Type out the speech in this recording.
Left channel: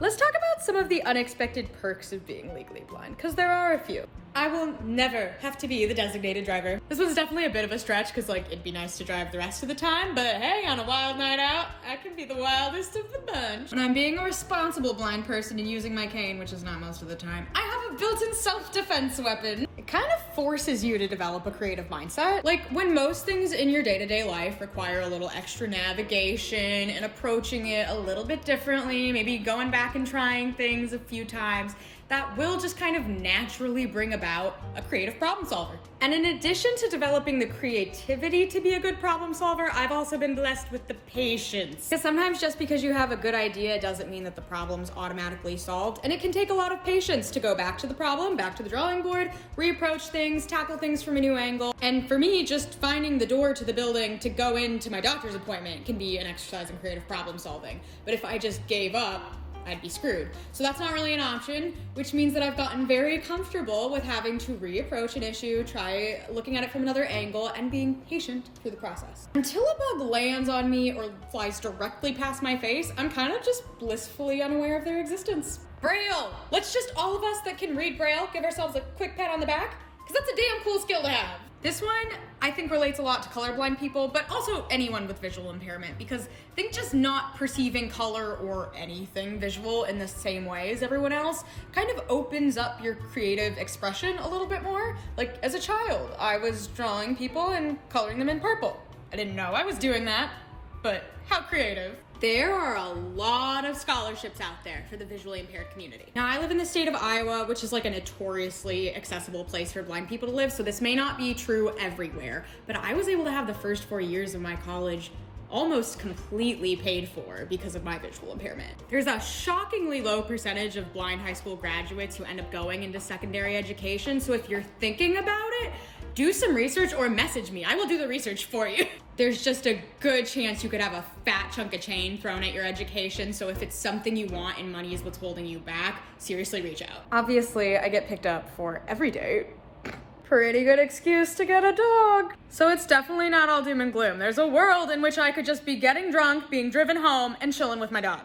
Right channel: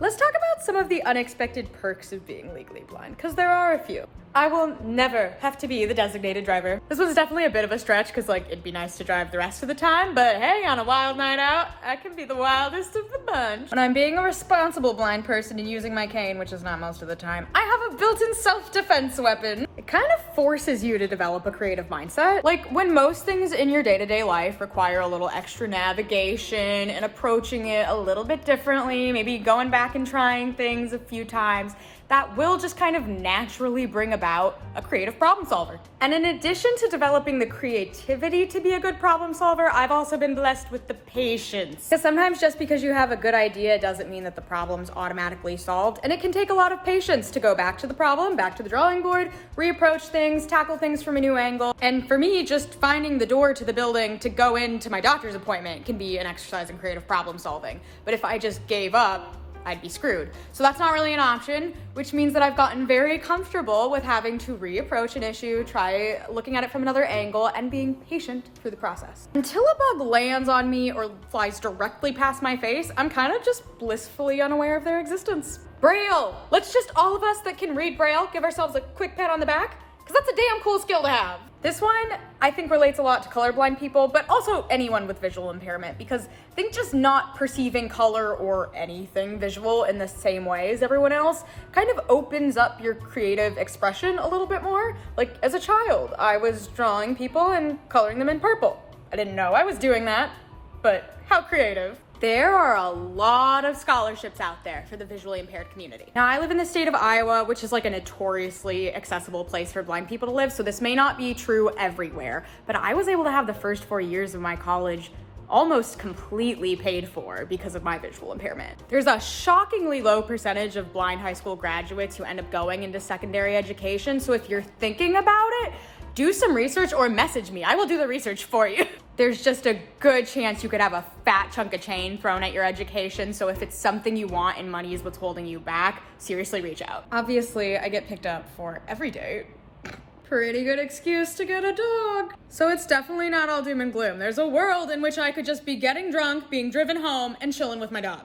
Let's talk about some of the unexpected perks of being legally blind, because there are a few. I will never have to be the designated driver. This was definitely a bit of a stretch, because it'd be nice to drive the rest of the time, but hey, on a wild night out, I can be the wildest of the bunch. When I'm being a responsible blind person and using my cane, which is not most of the time, I have a built-in self-defense weapon. It kind of forces you to develop a creative mindset. When most things in your day-to-day life require a little extra navigation and approaching it a little bit differently, maybe going back and trying things a few times, that will just kind of naturally bring about a creative problem solver. And in addition to developing the creativity to be a good problem solver, I've also been blessed with the patience. Because sometimes just because you have a good idea doesn't mean that the problem's automatically solved, and it can take a lot of patience to go back to the problem, back to the drawing board, reapproach things, tackle things from a new angle. And for me, just finding the door to the building to go into my doctor's appointment can be an exercise in creative problem solving. But if I just gave up, I'd be screwed. So that's not really an option, which means that I've gotten very comfortable with having to reapproach an issue, try looking at it from another angle, and being patient through the process. Until a bug lands on me or flies directly past my face, I'm kind of just blissfully unaware of their existence. Braille! Let's just all of us that can read Braille give ourselves a quick pat on the back, because that's a damn cool skill to have. This one, I think, relates a lot to colorblind people, but also anyone with visual impairment, because I think just not perceiving color or anything visual in the same way as everyone else kind of opens up your creative expression a little bit more. As a child, I was drawing people and coloring them in purple. I didn't know I was doing that, but how creative. There are a lot of scholarships out there for the visually impaired community. Now, I live in the state of Iowa, which is a notoriously accessible place for blind people to live, so this may not be true everywhere, but I was able to have the first 4 years of my college almost completely paid for because of my visual impairment. There's a shockingly low percentage of blind high school graduates who end up going into secondary education, so if you're thinking about it, do some research or message me. I will do the research for you. There's just a good chance you could have a fat chunk of change thrown at your education, so if it's something you want and money is what's holding you back, seriously reach out. Obviously, I get picked up for every date. Pretty good excuse to get a dog. So it's definitely not all doom and gloom. There's a world in which I could just be getting drunk, being driven home, and chilling with my dog.